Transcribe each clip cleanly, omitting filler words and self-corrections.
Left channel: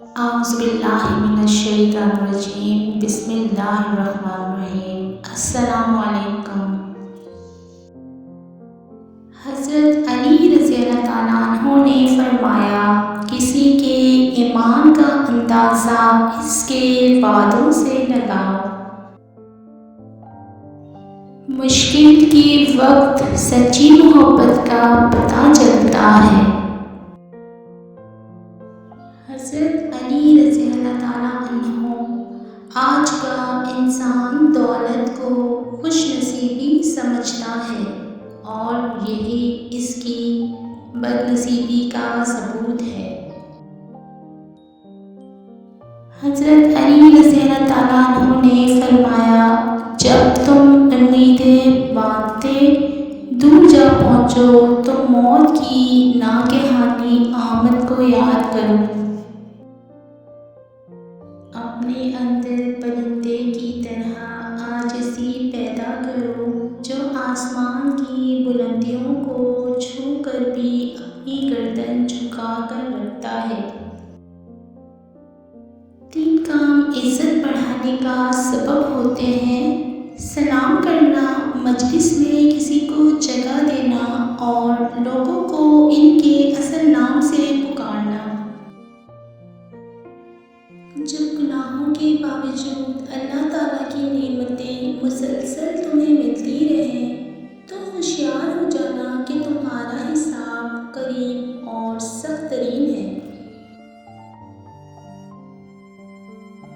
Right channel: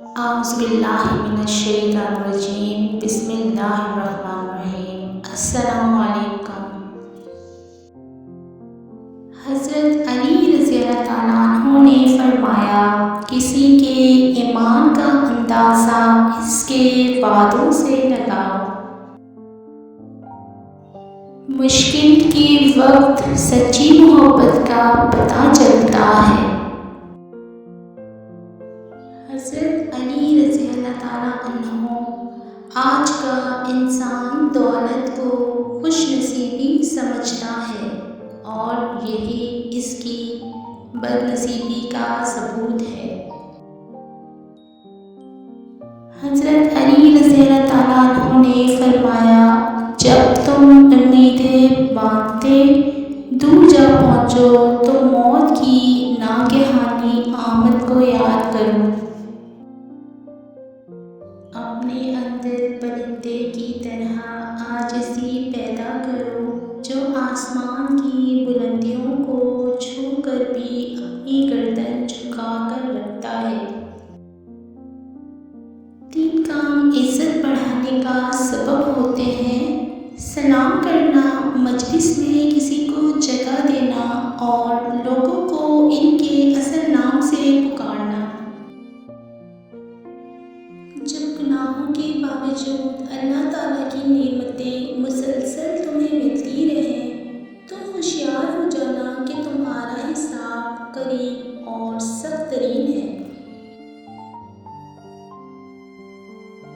اعوذ باللہ من الشیطان الرجیم، بسم اللہ الرحمن الرحیم۔ السلام علیکم۔ حضرت علی رضی اللہ تعالیٰ عنہ نے فرمایا، کسی کے ایمان کا اندازہ اس کے وعدوں سے لگاؤ۔ مشکل کے وقت سچی محبت کا پتہ چلتا ہے۔ حضرت علی رضی اللہ تعالیٰ عنہ، آج کا انسان دولت کو خوش نصیبی سمجھتا ہے اور یہی اس کی بد نصیبی کا ثبوت ہے۔ حضرت علی رضی اللہ تعالیٰ عنہ نے فرمایا، جب تم امیدیں باندھتے دور جا پہنچو تو موت کی ناگہانی آمد کو یاد کرو۔ اپنے اندر پرندے کی طرح عاجزی پیدا کرو جو آسمان کی بلندیوں کو چھو کر بھی اپنی گردن جھکا کر رکھتا ہے۔ تین کام عزت بڑھانے کا سبب ہوتے ہیں: سلام کرنا، مجلس میں کسی کو جگہ دینا اور لوگوں کو ان کے اصل نام سے پکارنا۔ جب گناہوں کے باوجود اللہ تعالیٰ کی نعمتیں مسلسل تمہیں ملتی رہیں تو ہوشیار ہو جانا کہ تمہارا حساب قریب اور سخت ترین ہے۔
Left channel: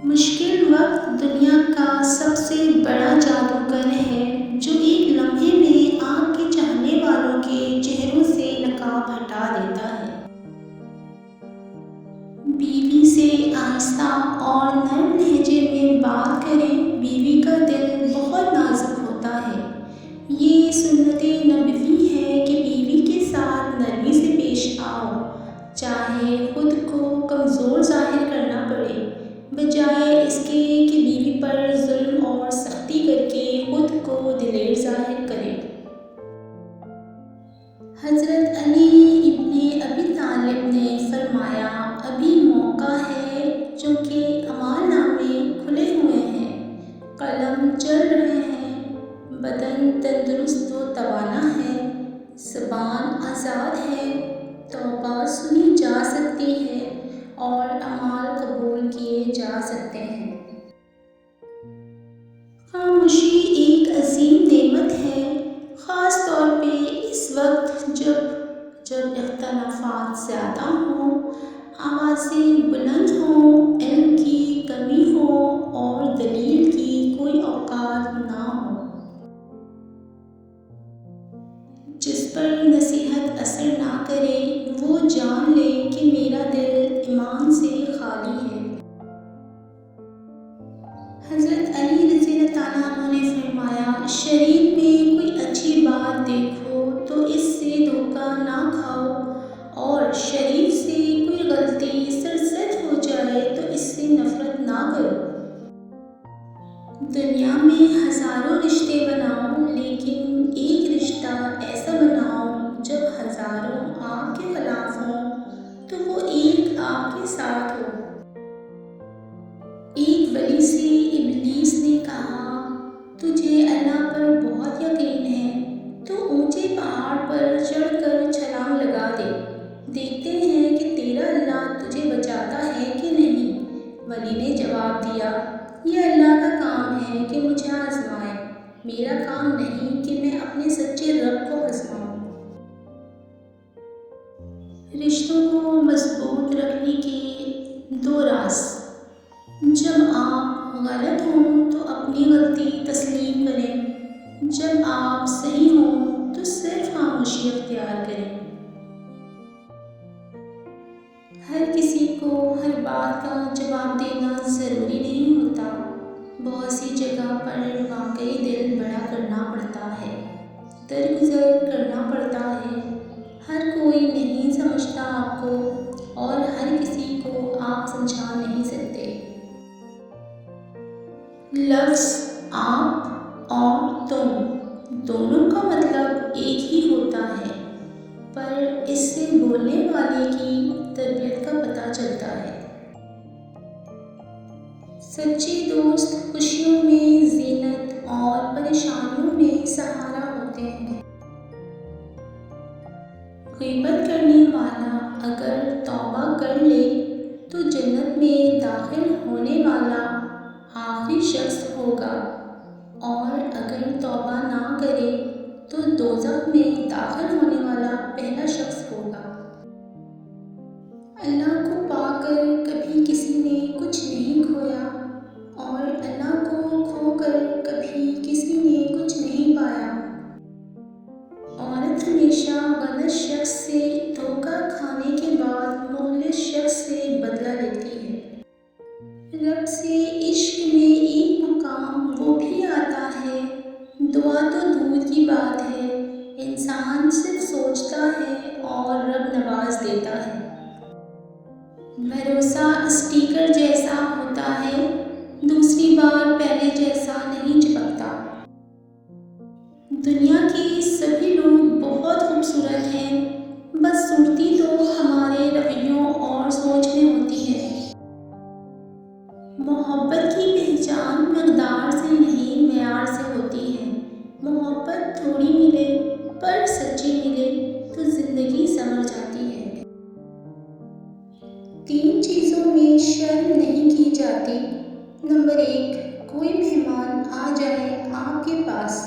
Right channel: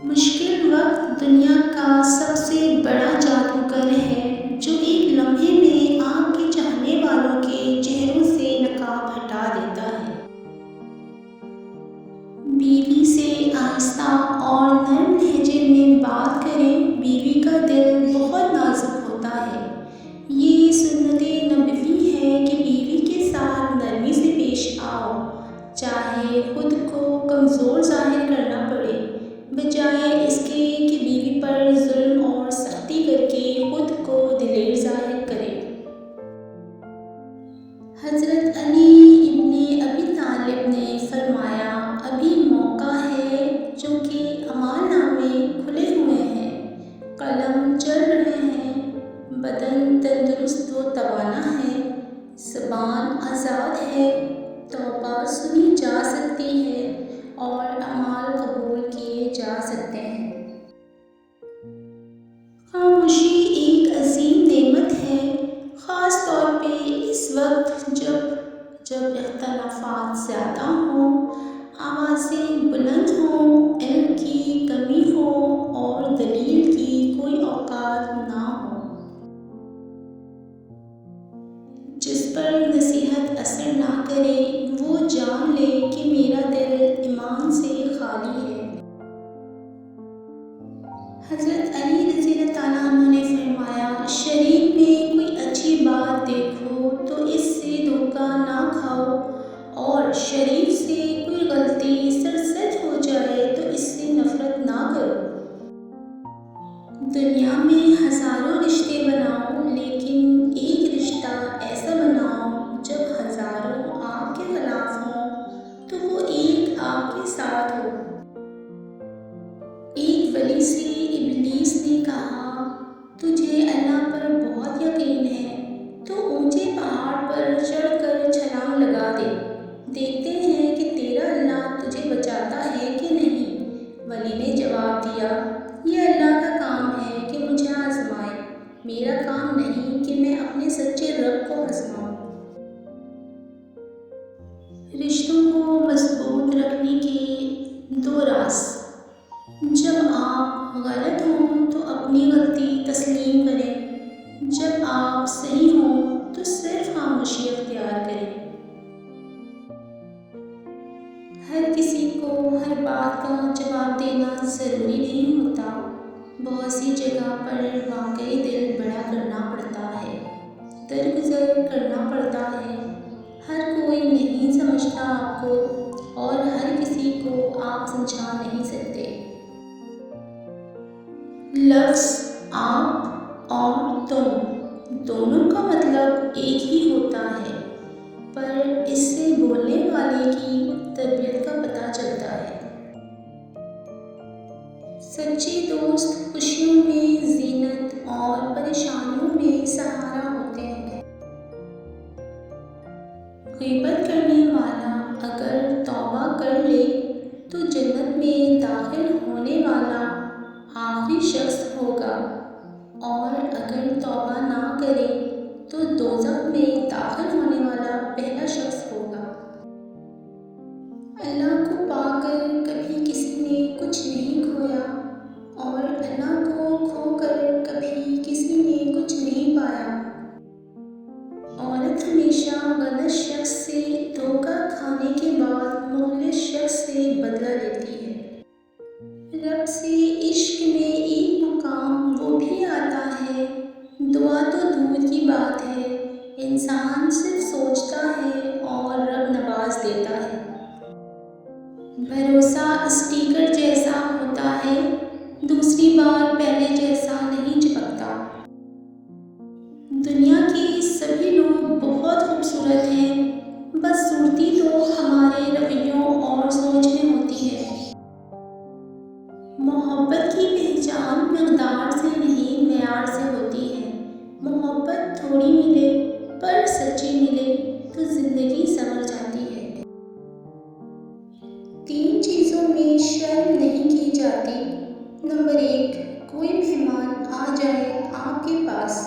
مشکل وقت دنیا کا سب سے بڑا جادوگر ہے جو ایک لمحے میں آپ کے چاہنے والوں کے چہروں سے نقاب ہٹا دیتا ہے۔ بیوی سے آہستہ اور نرم لہجے میں بات کریں، بیوی کا دل بہت نازک ہوتا ہے۔ یہ سنت نبوی ہے کہ بیوی کے ساتھ نرمی سے پیش آؤ، چاہے خود کو کمزور ظاہر کرنا پڑے، بجائے اس کے کہ بیوی پر ظلم اور سختی کر کے خود کو دلیر ظاہر کرے۔ حضرت علی ابن ابی طالب نے فرمایا، ابھی موقع ہے چونکہ اعمال نامے کھلے ہوئے ہیں، قلم چل رہے ہیں، بدن تندرست و توانا ہے، زبان آزاد ہے، توبہ سنی جا سکتی ہے اور اعمال قبول کیے جا سکتے ہیں۔ خاموشی ایک عظیم نعمت ہے، خاص طور پہ اس وقت جب اختلافات زیادہ ہوں، آوازیں بلند ہوں، علم کی کمی ہو اور دلیل کی کوئی اوقات نہ ہو۔ جس پر نصیحت اثر نہ کرے وہ جان لے کہ میرا دل ایمان سے خالی ہے۔ حضرت علی رضی اللہ تعالیٰ عنہ نے فرمایا، شریعت میں کوئی اچھی بات دیکھو تو اس سے دھوکہ نہ کھاؤ، اور شریف سے کوئی غلطی سرزد ہو جائے تو اس سے نفرت نہ کرو۔ دنیا میں ہزاروں رشتے بناؤ لیکن ایک رشتہ ایسا بناؤ جب ہزاروں آپ کے خلاف ہوں تو وہ ایک آپ کے ساتھ ہو۔ ایک ولی سے ابلیس نے کہا، تجھے اللہ پر بہت یقین ہے تو اونچے پہاڑ پر چڑھ کر چھلانگ لگا دے، دیکھتے ہیں کہ تیرا اللہ تجھے بچاتا ہے کہ نہیں۔ ولی نے جواب دیا، یہ اللہ کا کام ہے کہ مجھے آزمائے، میرا کام نہیں کہ میں اپنے سچے رب کو آزماؤں۔ رشتوں کو مضبوط رکھنے کے دو راز: جب آپ غلط ہوں تو اپنی غلطی تسلیم کریں، جب آپ صحیح ہوں تو صرف خاموشی اختیار کریں۔ ہر کسی کو ہر بات کا جواب دینا ضروری نہیں ہوتا، بہت سی جگہ پر واقعی دل بڑا کرنا پڑتا ہے، درگزر کرنا پڑتا ہے۔ ہر کوئی نہیں سمجھتا آپ کو اور ہر کسی کو آپ سمجھا نہیں سکتے۔ لفظ آپ اور تم دونوں کا مطلب ایک ہی ہوتا ہے، پر اس سے بولنے والے کی تربیت کا پتہ چلتا ہے۔ سچے دوست خوشیوں میں زینت اور پریشانیوں میں سہارا ہوتے ہیں۔ غیبت کرنے والا اگر توبہ کر لے تو جنت میں داخل ہونے والا آخری شخص ہوگا، اور اگر توبہ نہ کرے تو دوزخ میں داخل ہونے والا پہلا شخص ہوگا۔ اللہ کو پا کر کبھی کسی نے کچھ نہیں کھویا، اور اللہ کو کھو کر کبھی کسی نے کچھ نہیں پایا۔ عورت ہمیشہ غلط شخص سے دھوکہ کھانے کے بعد مخلص شخص سے بدلہ لیتی ہے۔ رب سے عشق میں ایک مقام وہ بھی آتا ہے، دعا تو دور کی بات ہے، انسان صرف سوچتا ہے اور رب نواز دیتا ہے۔ بھروسہ اسٹیکر جیسا ہوتا ہے، دوسری بار پہلے جیسا نہیں چپکتا۔ دنیا کے سبھی لوگ بہت خوبصورت ہیں، بس صورتی تو ہمارے رویوں اور سوچ میں ہوتی ہے۔ محبت کی پہچان مقدار سے نہیں معیار سے ہوتی ہے۔ محبت تھوڑی ملے پر سچی ملے تو زندگی سنور جاتی ہے۔ 3 چیزوں میں شرم نہیں کی جاتی۔ نمبر 1، کوئی مہمان آ جائے آپ کے پاس،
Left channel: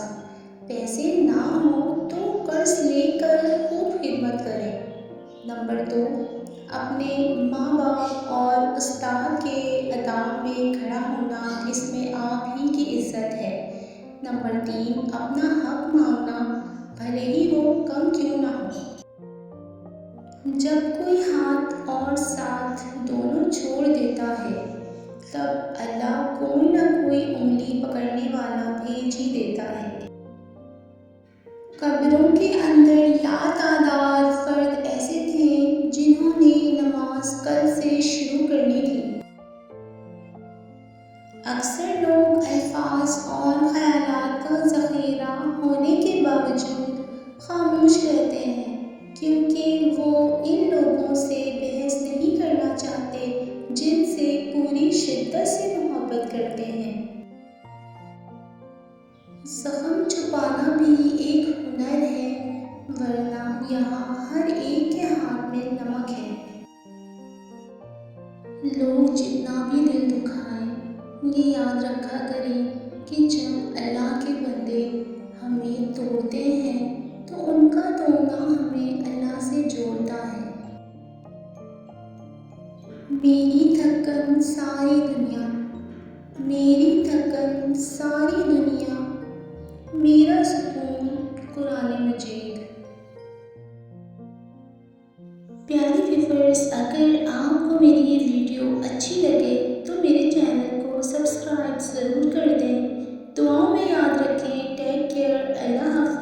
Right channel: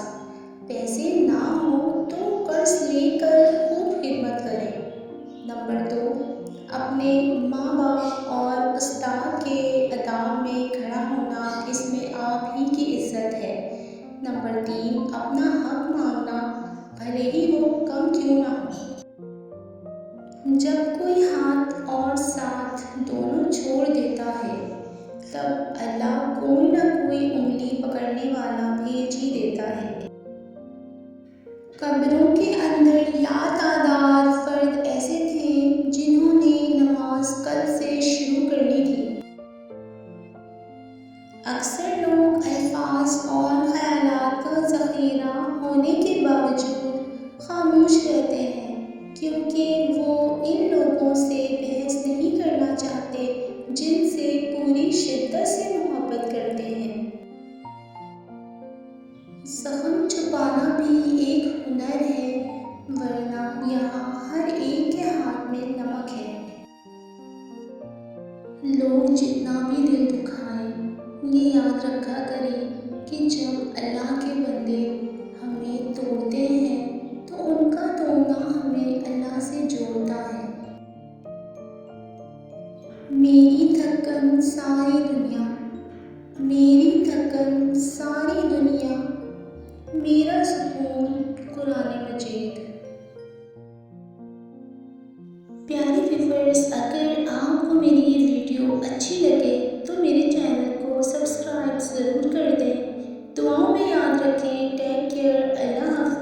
پیسے نہ ہوں تو قرض لے کر خوب خدمت کریں۔ نمبر 2، اپنے ماں باپ اور استاد کے اداب میں کھڑا ہونا، اس میں آپ ہی کی عزت ہے۔ نمبر 3، اپنا حق مانگنا، بھلے ہی وہ کم کیوں نہ ہو۔ جب کوئی ہاتھ اور ساتھ دونوں چھوڑ دیتا ہے تب اللہ کوئی نہ کوئی انگلی پکڑنے والا بھیج ہی دیتا ہے۔ قبروں کے اندر لاتعداد فرد ایسے تھے جنہوں نے نماز کل سے شروع کرنی تھی۔ اکثر لوگ الفاظ اور خیالات کا ذخیرہ ہونے کے باوجود خاموش رہتے ہیں، کیونکہ وہ ان لوگوں سے بحث نہیں کرنا چاہتے جن سے پوری شدت سے محبت کرتے ہیں۔ زخم چھپانا بھی ایک ہنر ہے، ورنہ یہاں ہر ایک کے ہاتھ میں نمک ہے۔ لوگ جتنا بھی دل دکھائیں، یہ یاد رکھا کریں کہ جب اللہ کے بندے ہمیں توڑتے ہیں تو ان کا توڑنا ہمیں اللہ سے جوڑتا ہے۔ میری تھکن ساری دنیا، میری تھکن ساری دنیا، میرا سکون قرآن مجید۔ پیاری ویورز، اگر آپ کو میری یہ ویڈیو اچھی لگے تو میرے چینل کو سبسکرائب ضرور کر دیں۔ دعاؤں میں یاد رکھیں۔ Take care. اللہ حافظ۔